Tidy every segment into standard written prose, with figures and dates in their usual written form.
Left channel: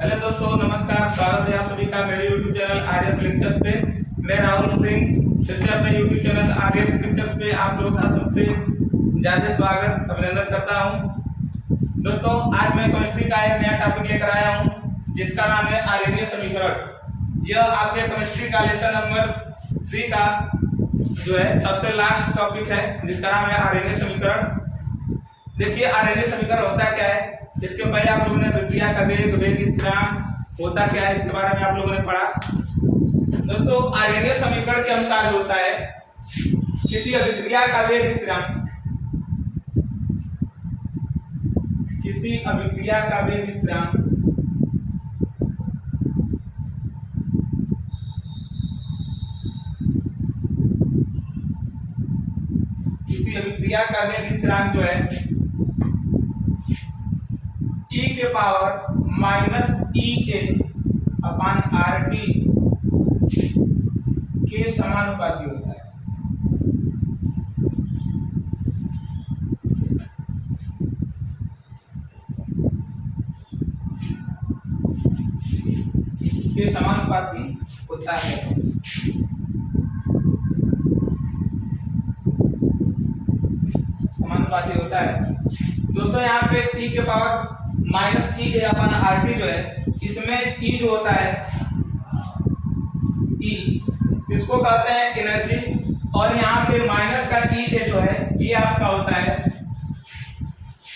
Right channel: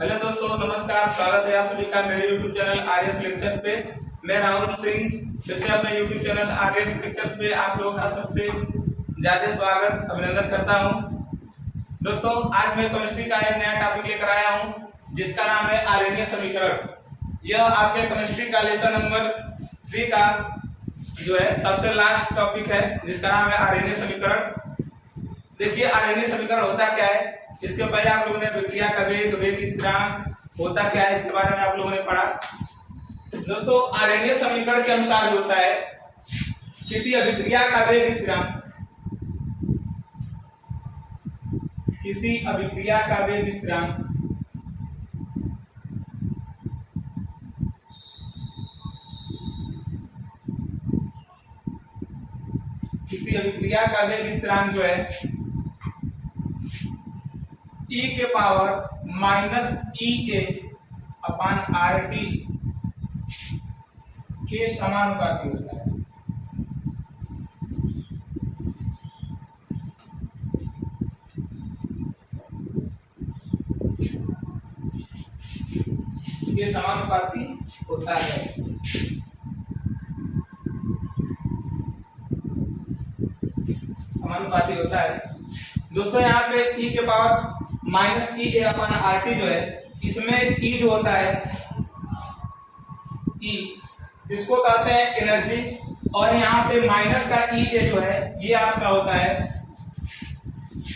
Hello दोस्तों, नमस्कार। स्वागत है आप सभी का मेरे YouTube चैनल आर्यस लेक्चर्स पे। मैं राहुल सिंह फिर से अपने YouTube चैनल आर्यस लेक्चर्स पे आप लोगों का सबसे ज्यादा स्वागत अभिनंदन करता हूं। दोस्तों, आज मैं केमिस्ट्री का एक नया टॉपिक लेकर आया हूं जिसका नाम है आर्यनीय समीकरण। यह आपके केमिस्ट्री का लेसन नंबर 3 का जो है सबसे लास्ट टॉपिक है जिसका नाम है आर्यनीय समीकरण। देखिए, आर्यनीय समीकरण होता क्या है। इसके पहले आप लोगों ने विक्रिया का वेग, वेग स्थिरांक होता क्या है, इसके बारे में आप लोगों ने पढ़ा। दोस्तों, आर्यनीय समीकरण के अनुसार जो होता है, किसी अभिक्रिया का वेग स्थिरांक, किसी अभिक्रिया का वेग स्थिरांक किसी अभिक्रिया का वेग स्थिरांक जो है e के power minus EA upon RT के समानुपाती होता है। के समानुपाती होता है। समानुपाती होता है। दोस्तों, यहाँ पे e के पावर माइनस EA अपन RT जो है, इसमें E जो होता है, E इसको कहते हैं एनर्जी, और यहाँ पे माइनस का EA जो है ये आपका होता है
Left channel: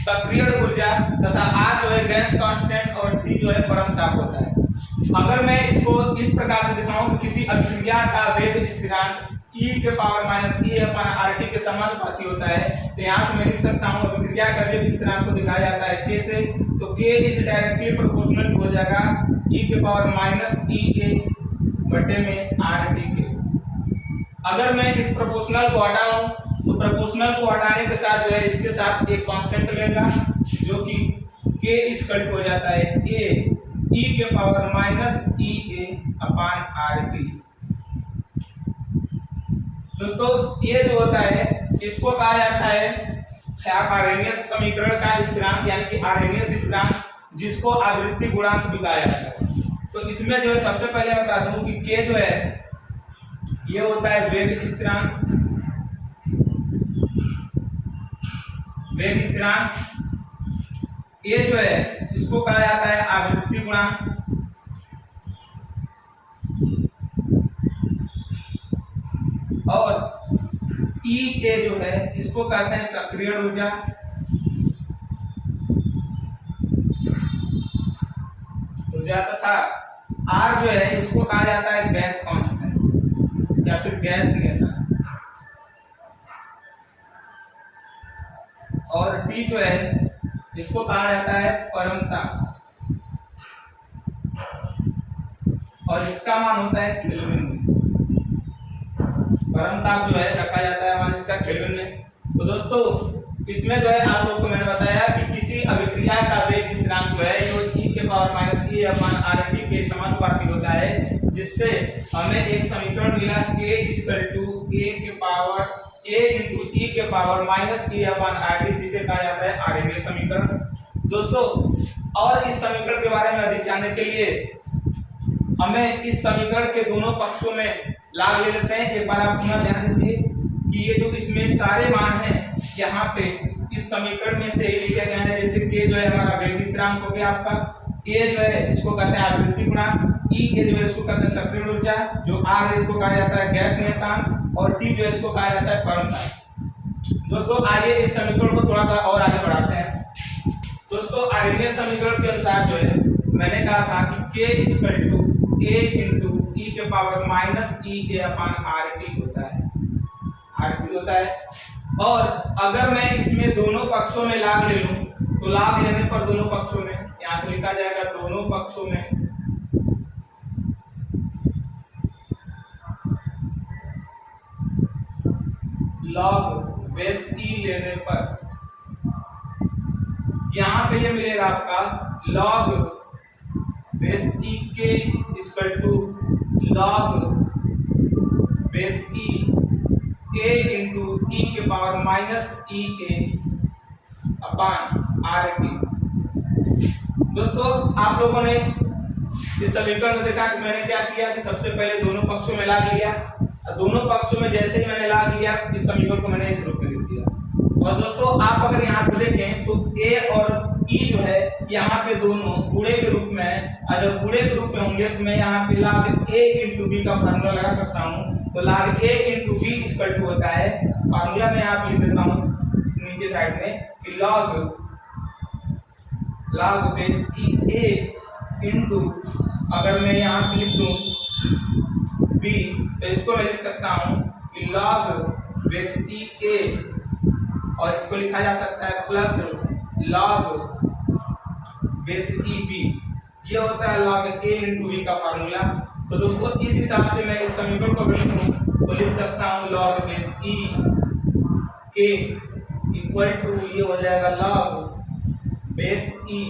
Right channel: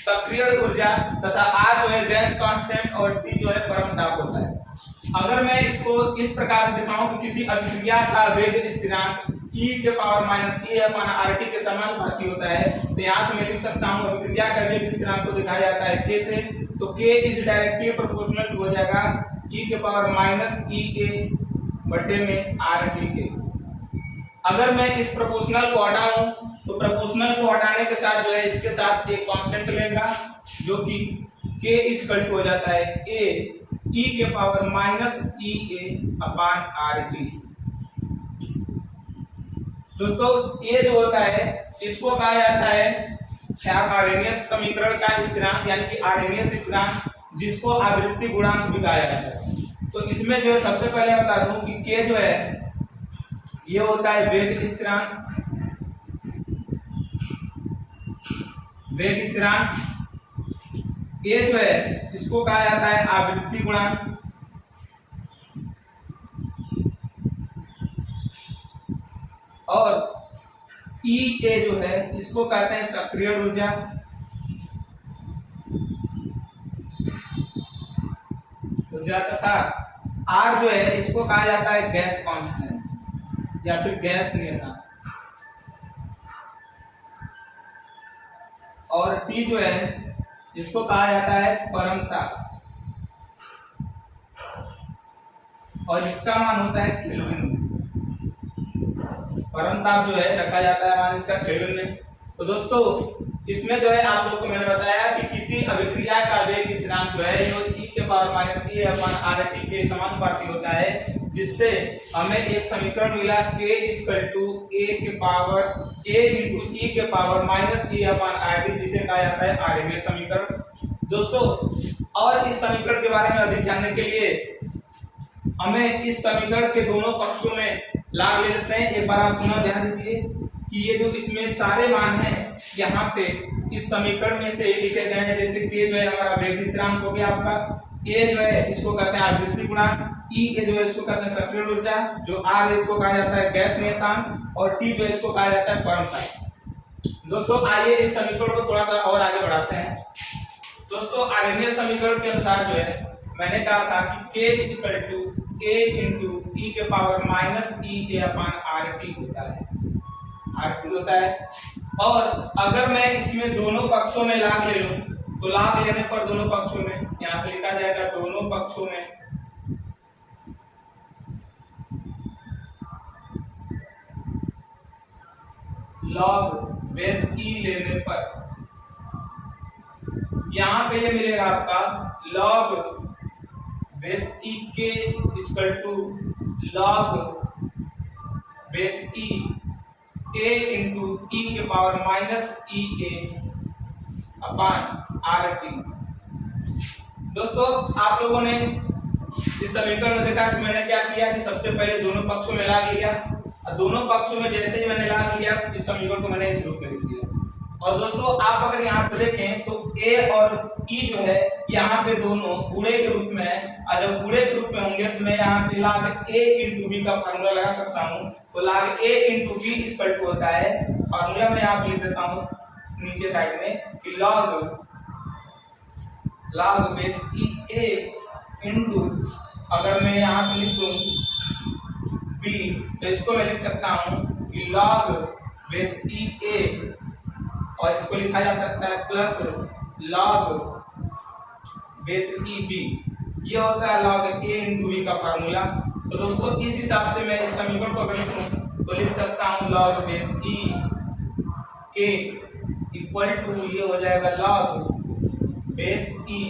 सक्रिय ऊर्जा, तथा R जो है गैस कांस्टेंट और T जो है परम ताप होता है। अगर मैं इसको इस प्रकार से दिखाऊं कि किसी अभिक्रिया का वेग स्थिरांक e के power minus EA upon RT के समानुपाती होता है, तो यहाँ से मैं लिख सकता हूँ अभिक्रिया का वेग स्थिरांक को दिखाया जाता है k से, तो k इज डायरेक्टली प्रोपोर्शनल हो जाएगा e के पावर माइनस EA बटे में RT के। अगर मैं इस प्रोपोर्शनल को हटाऊं तो प्रोपोर्शनल को हटाने के साथ जो है इसके साथ एक कांस्टेंट लेगा जो कि k इज कट हो जाता है a e के power minus EA upon RT। दोस्तों, ये जो होता है इसको कहा जाता है आर्यनीय समीकरण का स्थिरांक, यानी कि आर्यनीय स्थिरांक, जिसको आवृत्ति गुणांक भी कहा जाता है। तो इसमें जो सबसे पहले बता दूं कि k जो है ये होता है वेग स्थिरांक। वेग स्थिरांक a जो है इसको कहा जाता है आवृत्ति गुणांक, और EA जो है इसको कहते हैं सक्रिय ऊर्जा, तथा R जो है इसको कहा जाता है गैस कांस्टेंट या फिर गैस नियतांक, और T जो है इसको कहा जाता है परम ताप, और इसका मान होता है केल्विन में। परम ताप जो है रखा जाता है मान इसका केल्विन में। तो दोस्तों, इसमें जो है आप लोग को मैंने बताया कि किसी अभिक्रिया का वेग स्थिरांक जो है वो e के power minus EA upon RT के समानुपाती होता है, जिससे हमें एक समीकरण मिला k इक्वल टू a के पावर a इंटू e के power minus EA upon RT, जिसे कहा जाता है आर्यनीय समीकरण। दोस्तों, और इस समीकरण के बारे में अधिक जानने के लिए हमें इस समीकरण के दोनों पक्षों में लाभ ले लेते हैं। एक बार आप पुनः ध्यान दीजिए कि ये जो इसमें सारे मान हैं यहाँ पे इस समीकरण में से लिखे गए हैं। जैसे k जो है हमारा वेग स्थिरांक हो गया आपका, a जो है इसको कहते हैं आवृत्ति गुणांक, E जो है इसको कहते हैं सक्रिय ऊर्जा, जो R है इसको कहा जाता है गैस नियतांक, और T जो है इसको कहा जाता है परम ताप। दोस्तों, आइए इस समीकरण को थोड़ा सा और आगे बढ़ाते हैं। दोस्तों, आर्यनीय समीकरण के अनुसार जो है मैंने कहा था कि k equal to a into e के power minus EA upon RT होता है, RT होता है। और अगर मैं इसमें दोनों पक्षों में लाभ ले लूं, तो लाभ लेने पर दोनों पक्षों में यहां से लिखा जाएगा दोनों पक्षों में लॉग बेस E लेने पर यहां पे ये मिलेगा आपका लॉग बेस E के equal to log base E a into e के power minus EA upon RT। दोस्तों, आप लोगों ने इस समीकरण में देखा कि मैंने क्या किया कि सबसे पहले दोनों पक्षों में लाग लिया, और दोनों पक्षों में जैसे ही मैंने लाग लिया इस समीकरण को मैंने इस रूप में लिख दिया। और दोस्तों आप अगर यहाँ पे देखें तो a और e जो है यहाँ पे दोनों गुणे के रूप में, और जब गुणे के रूप में होंगे तो मैं यहाँ पे log a into b का फार्मूला लगा सकता हूँ। तो log a into b equal to होता है, फार्मूला मैं यहाँ पे लिख देता हूँ नीचे साइड में कि log base e a into, अगर मैं यहाँ पे लिख दूँ b तो इसको मैं लिख सकता हूँ कि log बेस e a, और इसको लिखा जा सकता है plus log base e b. ये होता है log a इंटू बी का फार्मूला। तो दोस्तों इस हिसाब से मैं इस समीकरण को अगर लिखूं तो लिख सकता हूं log बेस ई के इक्वल टू, ये हो जाएगा log base e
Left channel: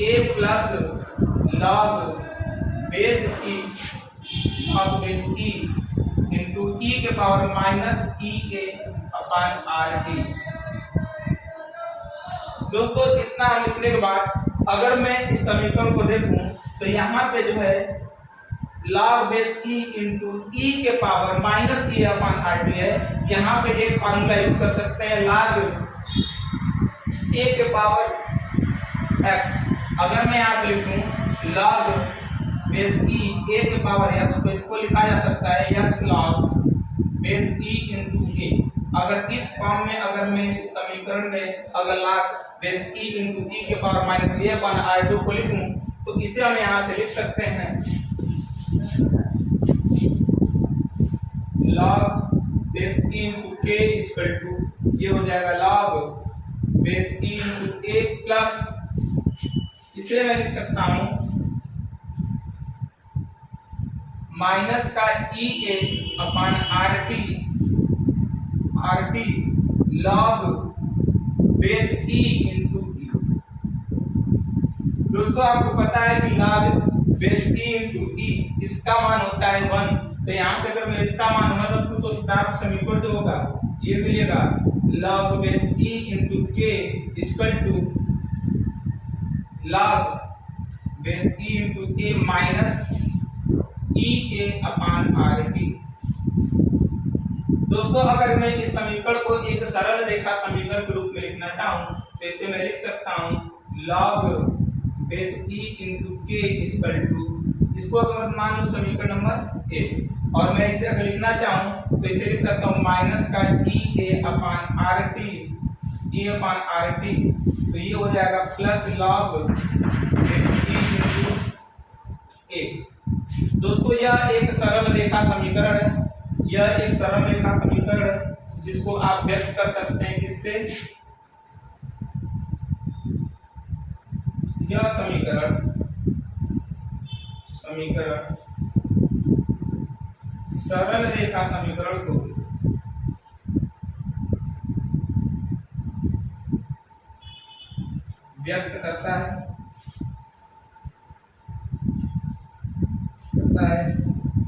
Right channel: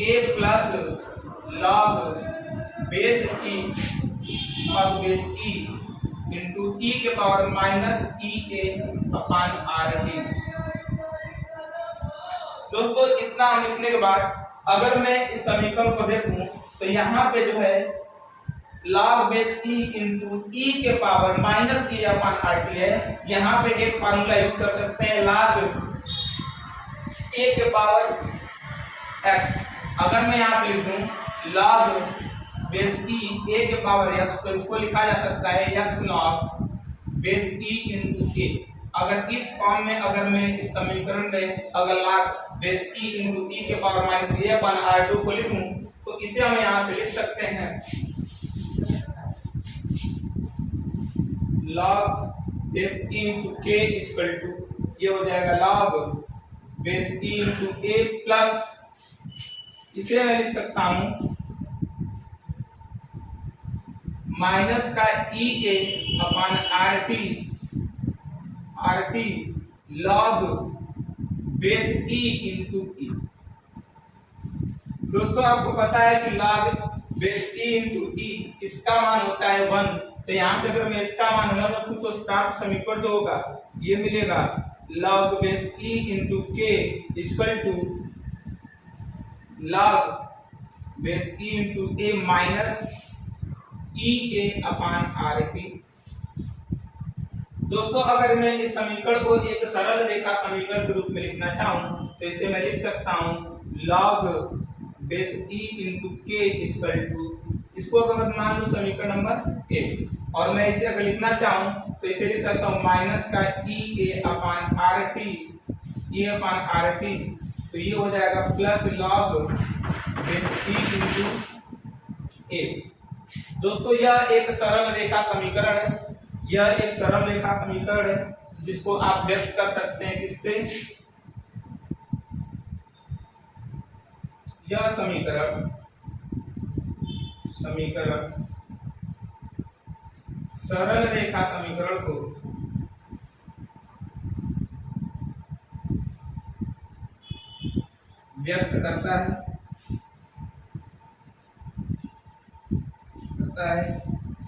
a plus log base e into e के power minus E a upon R T. दोस्तों इतना लिखने के बाद अगर मैं इस समीकरण को देखूं तो यहाँ पे जो है log base e into e के पावर माइनस ई अपॉन आर टी है। यहाँ पे एक फार्मूला यूज कर सकते हैं log ए के पावर x। अगर मैं यहाँ पे लिख दूं log बेस ई ए के पावर x, तो इसको लिखा जा सकता है x log base e into a. अगर इस फॉर्म में अगर मैं इस समीकरण में अगर log base e into e के power minus a upon r two को लिखूं तो इसे हम यहाँ से लिख सकते हैं log base e into k equal to, ये हो जाएगा log base e into A plus, इसे मैं लिख सकता हूं माइनस का ई a upon are T log base e into e. दोस्तों आपको पता है कि log base e into e इसका मान होता है 1, तो यहां से अगर मैं इसका मान 1 रखूं तो प्राप्त समीकरण जो होगा ये मिलेगा log base e into k equal to log base e into a minus E a upon R T. दोस्तों अगर मैं इस समीकरण को एक सरल रेखा समीकरण के रूप में लिखना चाहूं तो इसे मैं लिख सकता हूं log base e into k equal to, इसको अगर मान लो समीकरण नंबर ए, और मैं इसे अगर लिखना चाहूं तो इसे लिख सकता हूं माइनस का ई a upon are T, a upon are T, तो ये हो जाएगा plus log base e into A. दोस्तों यह एक सरल रेखा समीकरण है, यह एक सरल रेखा समीकरण है जिसको आप व्यक्त कर सकते हैं किससे, यह समीकरण सरल रेखा समीकरण को व्यक्त करता है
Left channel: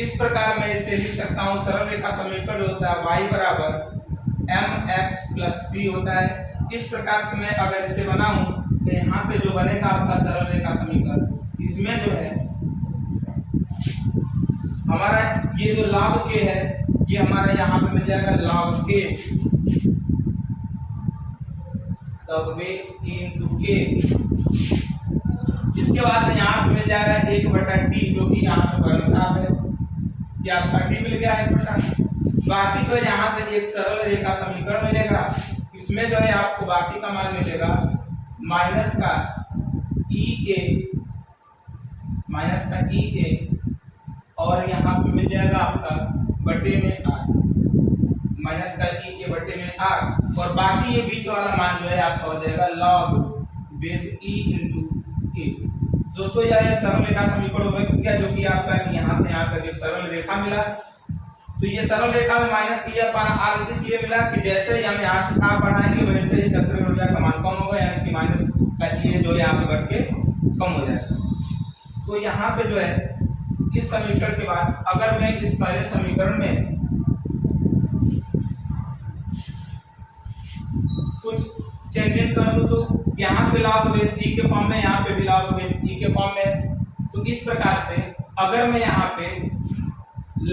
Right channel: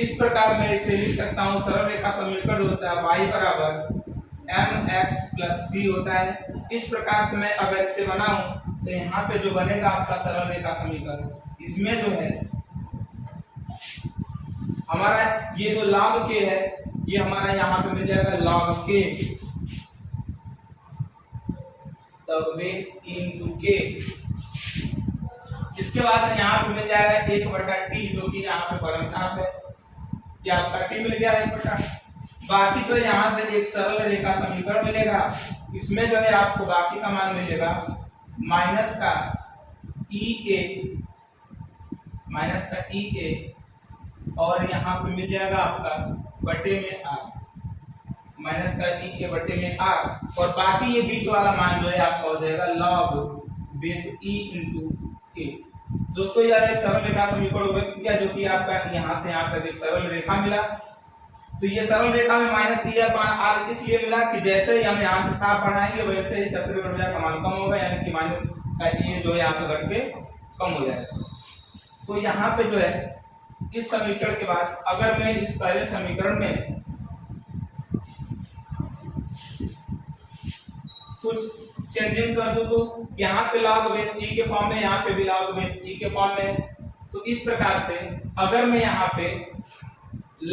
इस प्रकार मैं इसे लिख सकता हूं, सरल रेखा समीकरण होता है y बराबर mx प्लस c होता है। इस प्रकार से मैं अगर इसे बनाऊं तो यहाँ पे जो बनेगा आपका सरल रेखा समीकरण, इसमें जो है हमारा ये जो log k है ये हमारा यहाँ पे मिल जाएगा log k, तब बेस इंटू k, इसके बाद से यहाँ पे मिल जाएगा 1/t जो कि यहाँ पे परिमाप है, कि आपका t मिल गया 1/, बाकी जो यहाँ से एक सरल रेखा समीकरण मिलेगा, इसमें जो है आपको बाकी का मान मिलेगा माइनस का ई ए और यहाँ पे मिल जाएगा आपका बटे में r, माइनस का ई ए बटे में r, और बाकी ये बीच वाला मान जो है आपका हो जाएगा log base e into A. दोस्तों यह एक सरल रेखा समीकरण व्यक्त किया जो कि आपका यहाँ से यहाँ तक एक सरल रेखा मिला। तो ये सरल रेखा में माइनस ई अपॉन आर इसलिए मिला कि जैसे ही हम यहाँ से आप बढ़ाएंगे वैसे ही सत्रह ऊर्जा का मान कम होगा, यानी कि माइनस का ये जो है यहाँ पे बढ़ के कम हो जाएगा। तो यहाँ पे जो है इस समीकरण के बाद अगर मैं इस पहले समीकरण में कुछ चेंजिंग कर दूं तो यहाँ पे log बेस e के फॉर्म में, यहाँ पे भी log बेस e के फॉर्म में है। तो इस प्रकार से अगर मैं यहाँ पे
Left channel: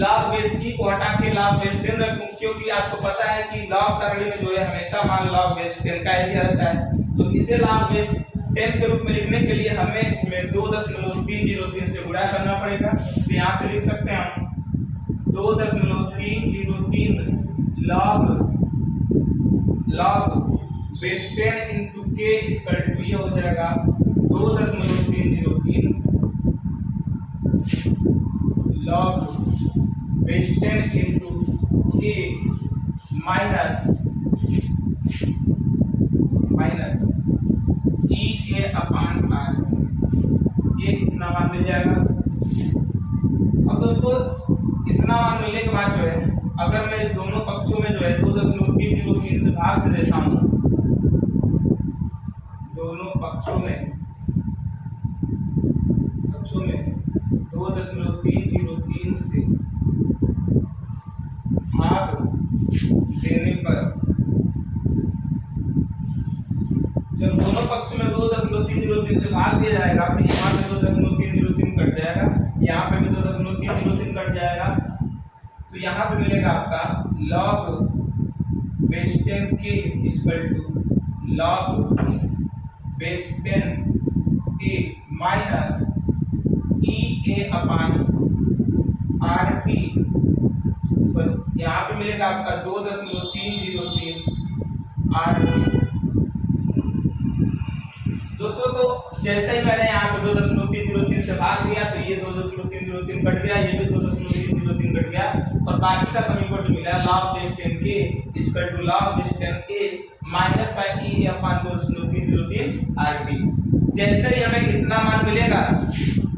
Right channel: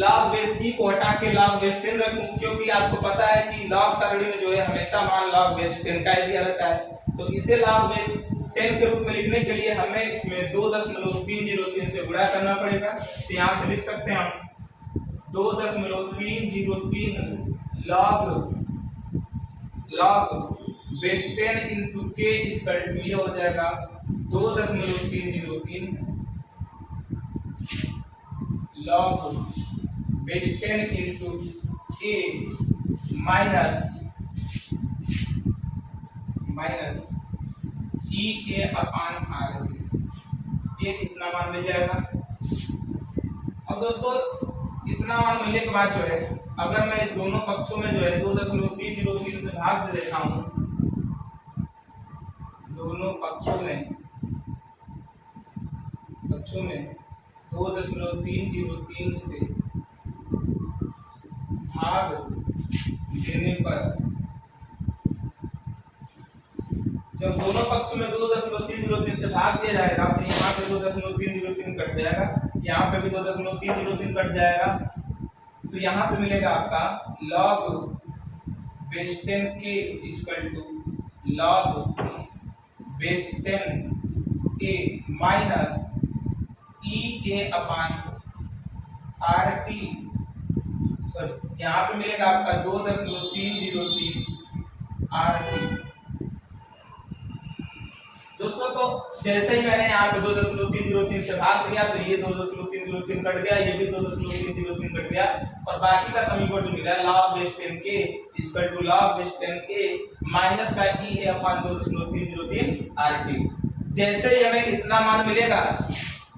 log बेस e को हटा के log बेस 10 रखूं, क्योंकि आपको पता है कि log सरणी में जो है हमेशा मान log बेस 10 का ही दिया रहता है, तो इसे log बेस 10 के रूप में लिखने के लिए हमें इसमें 2.303 से गुणा करना पड़ेगा। तो यहाँ से लिख सकते हैं हम 2.303 log base 10 into k equal to ये हो जाएगा 2.303 log base 10 into k minus E a upon r, ये इतना मान मिल जाएगा। अब दोस्तों इतना मान मिलने के बाद जो है अगर मैं इस दोनों पक्षों में जो है 2.303 से भाग दे देता हूँ, दोनों पक्षों में 2.303 से भाग देने पर, जब दोनों पक्षों में 2.303 से भाग दिया जाएगा तो यहाँ पे 2.303 कट जाएगा, यहाँ पे भी 2.303 कट जाएगा। तो यहाँ पे मिलेगा आपका log base 10 k equal to log base 10 a minus E a upon r t, यहाँ पे मिलेगा आपका 2.303 आर टी। दोस्तों तो जैसे ही मैंने यहाँ पे 2.303 से भाग दिया तो ये 2.303 कट गया, ये भी 2.303 कट गया, और बाकी का समीकरण जो मिला log base 10 k equal to log base 10 a minus का ई ए अपान 2.303 आर टी। जैसे ही हमें इतना मान मिलेगा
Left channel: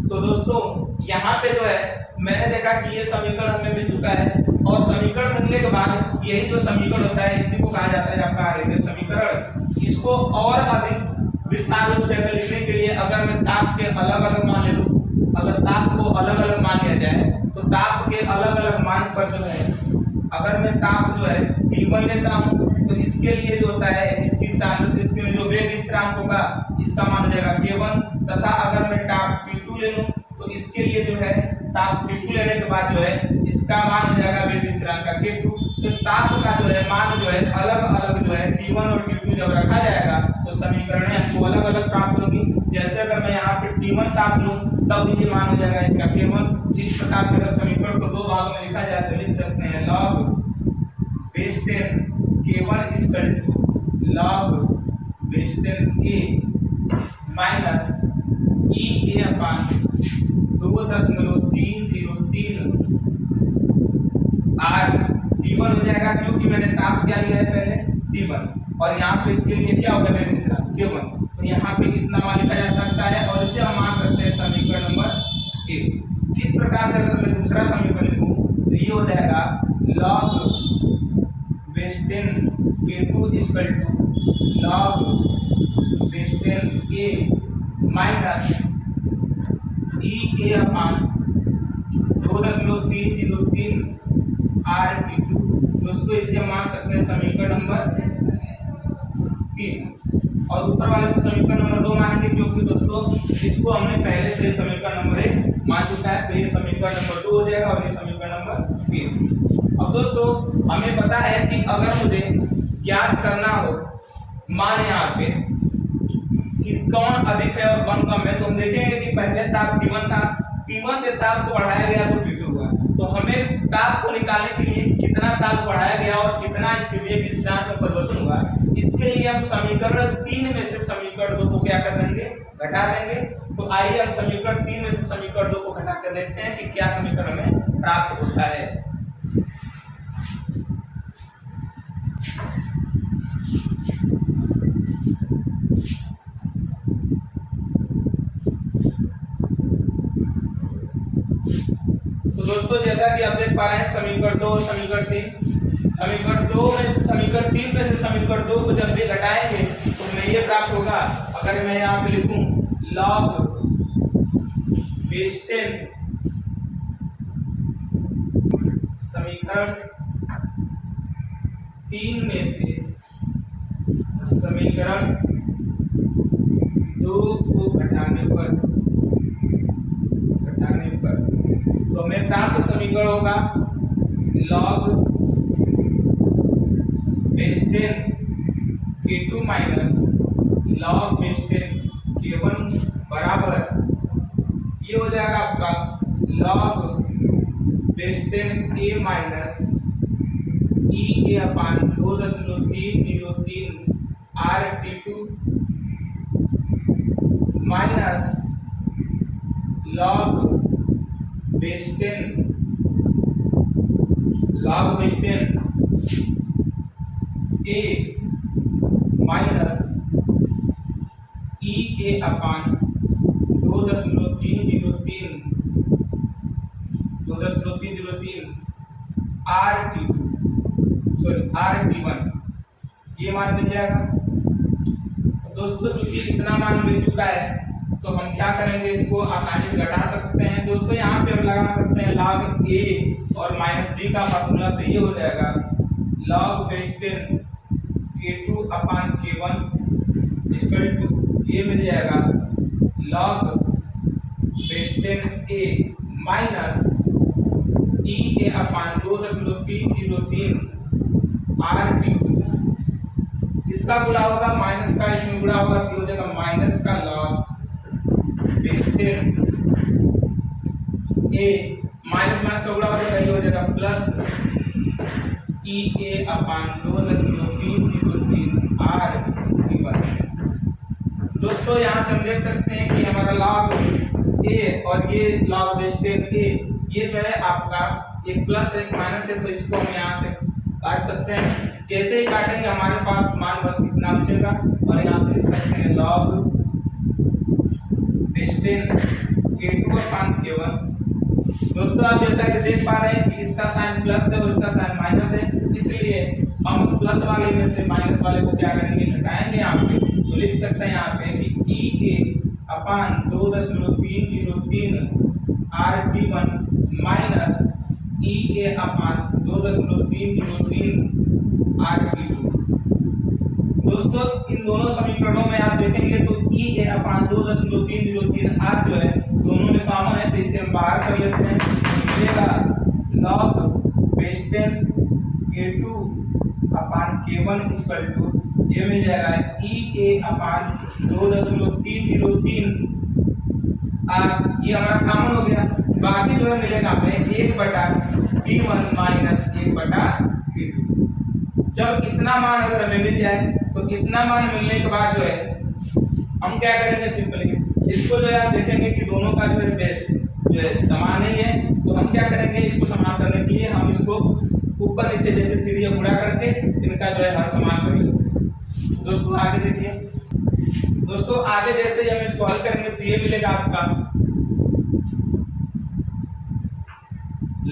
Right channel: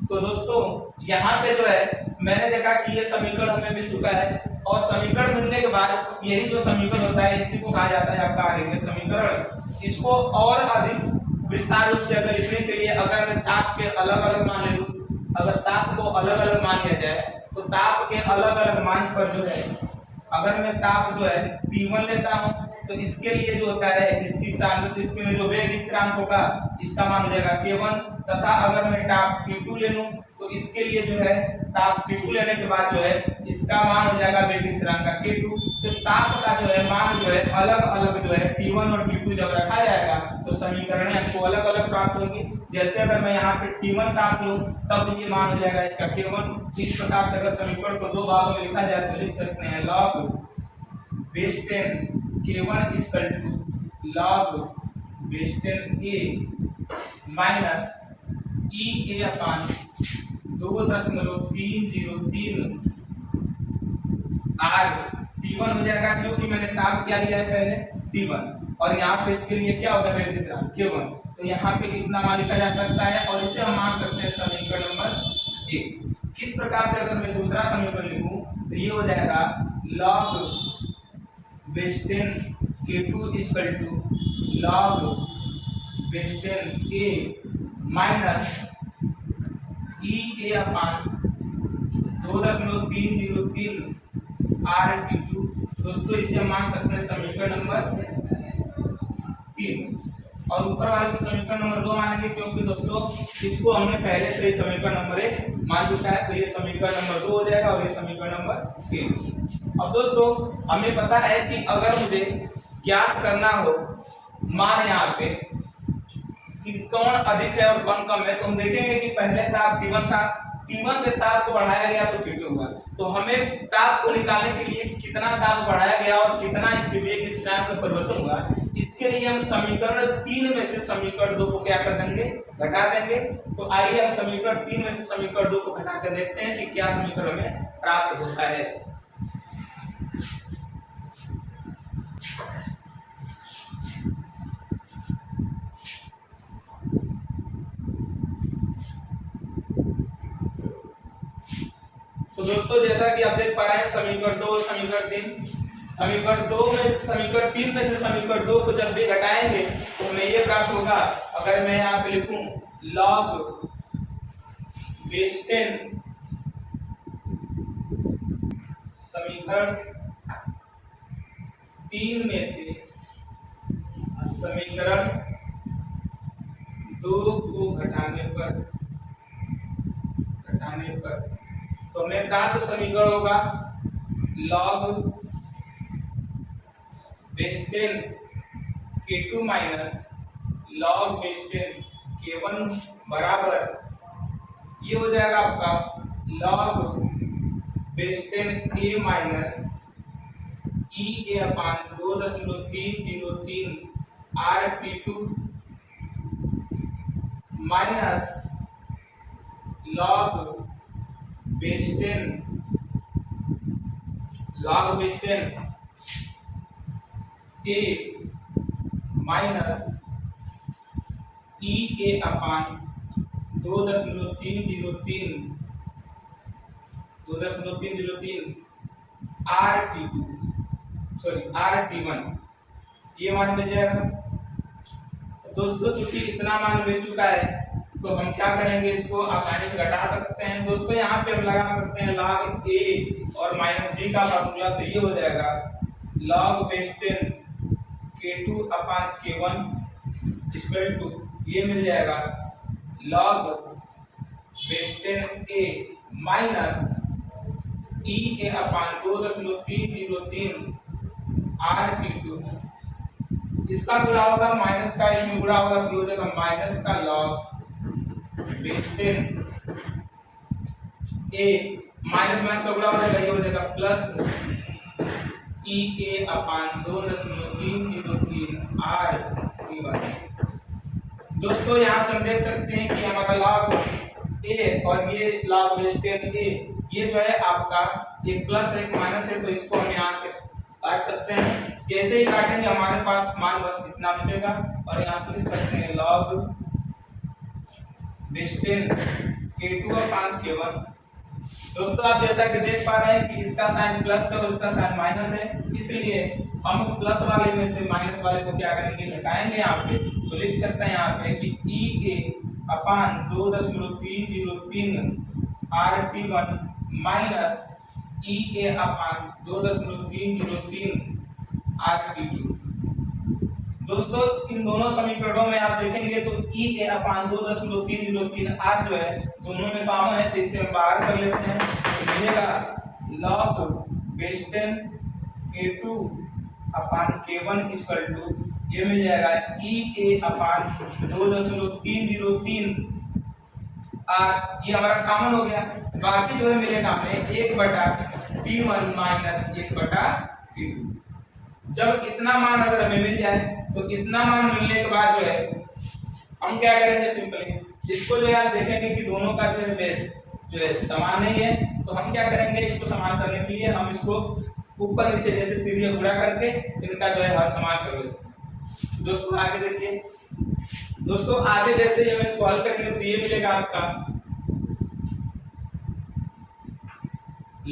तो दोस्तों यहाँ पे जो है मैंने देखा कि ये समीकरण हमें मिल चुका है, और समीकरण मिलने के बाद यही जो समीकरण होता है इसी को कहा जाता है आपका आरेखीय समीकरण। इसको और अधिक विस्तार रूप से अगर लिखने के लिए अगर मैं ताप के अलग अलग मान ले लूं, अगर ताप को अलग अलग मान लिया जाए तो ताप के अलग अलग मान पर जो है अगर मैं ताप जो है T1 लेता हूं तो इसके लिए जो होता है इसकी सांद्रता, इसके जो वेग स्थिरांक होगा इसका मान हो जाएगा K1, तथा अगर मैं ताप T2 ले लूं तो इसके लिए जो है ताप T2 लेने के बाद जो है इसका मान हो जाएगा वेग स्थिरांक का K2। तो ताप का जो है मान जो है अलग अलग जो है T1 और T2 जब रखा जाएगा तो समीकरण आपको अलग अलग प्राप्त होगी। जैसे अगर मैं यहाँ पे T1 ताप लूं तब ये मान हो जाएगा इसका K1। इस प्रकार से अगर समीकरण को दो भागों में लिखा जाए तो लिख सकते हैं log base 10 K1 equal to log base 10 A minus E a upon 2.303 r T1 हो जाएगा, क्योंकि मैंने ताप क्या लिया है पहले T1, और यहाँ पे इसके लिए क्या होगा वेग स्थिरांक K1। तो यहाँ पे इतना मान लिखा जा सकता है और इसे हम मान सकते हैं समीकरण नंबर 1। इस प्रकार से अगर मैं दूसरा समीकरण लिखूं तो ये हो जाएगा log base 10 K2 equal to log base 10 A minus E a upon 2.303 r T2। दोस्तों इसे मान सकते हैं समीकरण नंबर 3, और ऊपर वाले को समीकरण नंबर 2 मानेंगे, क्योंकि दोस्तों इसको हमने पहले से ही समीकरण नंबर 1 मान चुका है। तो ये समीकरण नंबर 2 हो जाएगा और ये समीकरण नंबर 3। अब दोस्तों हमें पता है कि अगर मुझे ज्ञात करना हो मान यहाँ पे कि कौन अधिक है और कौन कम है, तो हम देखेंगे कि पहले ताप T1 था, T1 से ताप को बढ़ाया गया तो T2 हुआ। तो हमें ताप को निकालने के लिए कि कितना ताप बढ़ाया गया और कितना इसके वेग स्थिरांक में परिवर्तन हुआ, इसके लिए हम समीकरण 3 में से समीकरण 2 को क्या कर देंगे, घटा देंगे। तो आइए हम समीकरण 3 में से समीकरण 2 को घटा कर देखते हैं कि क्या समीकरण में प्राप्त होता है। तो दोस्तों जैसा कि आप देख पा रहे हैं समीकरण 2 समीकरण 3, समीकरण 2 में समीकरण 3 में से समीकरण 2 को जब भी घटाएंगे तो हमें ये प्राप्त होगा। अगर मैं यहाँ पे लिखूं log बेस 10 समीकरण 3 में से समीकरण 2 को घटाने पर तो हमें प्राप्त समीकरण होगा log base 10 k2 minus log base 10 k1 बराबर ये हो जाएगा आपका log base 10 a minus e a upon 2.303 RT2 minus log base 10 a minus e a upon 2.303 RT1 ये मान मिल जाएगा। दोस्तों चूंकि इतना मान मिल चुका है तो हम क्या करेंगे, इसको आसानी से घटा सकते हैं। दोस्तों यहाँ पे हम लगा सकते हैं log a और माइनस b का फार्मूला, तो ये हो जाएगा log base 10 k2 upon k1 equal to ये मिल जाएगा log base 10 a minus e a upon 2.303 RT2 इसका गुणा होगा माइनस का, इसमें गुणा होगा तो हो जाएगा माइनस का log base 10 a minus minus का गुणा हो जाएगा, ये हो जाएगा plus e a upon 2.303 RT1। दोस्तों यहाँ से हम देख सकते हैं कि हमारा log a और ये log बेस 10 a ये जो है आपका एक प्लस है एक माइनस है, तो इसको हम यहाँ से काट सकते हैं। जैसे ही काटेंगे हमारे पास मान बस कितना बचेगा और यहाँ से लिख सकते हैं log base 10 k2 upon k1। दोस्तों आप जैसा कि देख पा रहे हैं कि इसका साइन प्लस है और इसका साइन माइनस है, इसलिए हम प्लस वाले में से माइनस वाले को क्या करेंगे, घटाएंगे यहाँ पे। तो लिख सकते हैं यहाँ पे कि e a upon 2.303 RT1 minus e a upon 2.303 RT2। दोस्तों इन दोनों समीकरणों में आप देखेंगे तो e a अपान 2.303 r जो है दोनों में कॉमन है, तो इसे हम बाहर कर लेते हैं। मिलेगा log base 10 k2 upon k1 equal to ये मिल जाएगा e a अपान 2.303 r, ये हमारा कॉमन हो गया। बाकी जो है मिलेगा हमें 1/t1 माइनस 1/t2। जब इतना मान अगर हमें मिल जाए तो इतना मान मिलने के बाद जो है हम क्या करेंगे, सिंपली इसको जो है आप देखेंगे कि दोनों का जो है बेस जो है समान नहीं है, तो हम क्या करेंगे, इसको समान करने के लिए हम इसको ऊपर नीचे जैसे तिरिया गुणा करके इनका जो है हर समान कर लेंगे। दोस्तों आगे देखिए, दोस्तों आगे जैसे ही हम इसको हल करेंगे तो ये मिलेगा आपका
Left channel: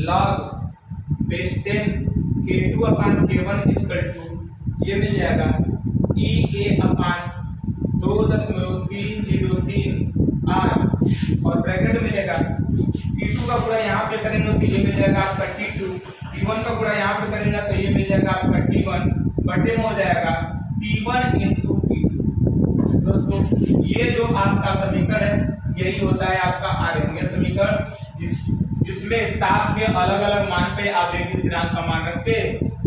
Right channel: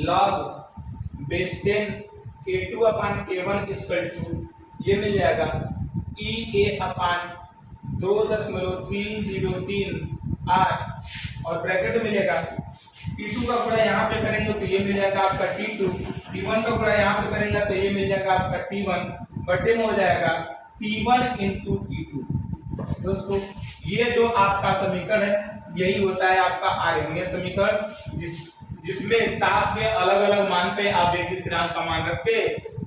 log base 10 k2 upon k1 equal to ये मिल जाएगा e a अपान 2.303 r और ब्रैकेट मिलेगा t2 का गुणा यहाँ पे करेंगे तो ये मिल जाएगा आपका t2, t1 का गुणा यहाँ पे करेंगे तो ये मिल जाएगा आपका t1 बटे में हो जाएगा t1 इंटू t2। दोस्तों ये जो आपका समीकरण है यही होता है आपका आर्यन समीकरण, जिसमें ताप के अलग अलग मान पे आप वेग स्थिरांक का मान रख के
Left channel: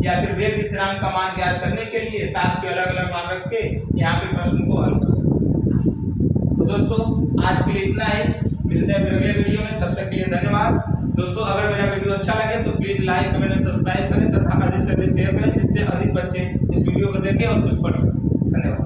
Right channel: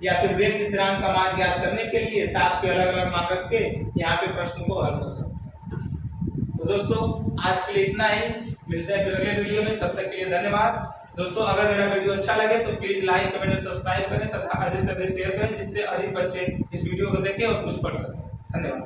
या फिर वेग स्थिरांक का मान ज्ञात करने के लिए ताप के अलग अलग मान रख के यहाँ पे प्रश्न को हल कर सकते हैं। तो दोस्तों आज के लिए इतना ही, मिलते हैं फिर अगले वीडियो में, तब तक के लिए धन्यवाद। दोस्तों अगर मेरा वीडियो अच्छा लगे तो प्लीज लाइक कमेंट और सब्सक्राइब करें तथा अधिक से अधिक शेयर करें, जिससे अधिक बच्चे इस वीडियो को देखें और कुछ पढ़ सकें। धन्यवाद।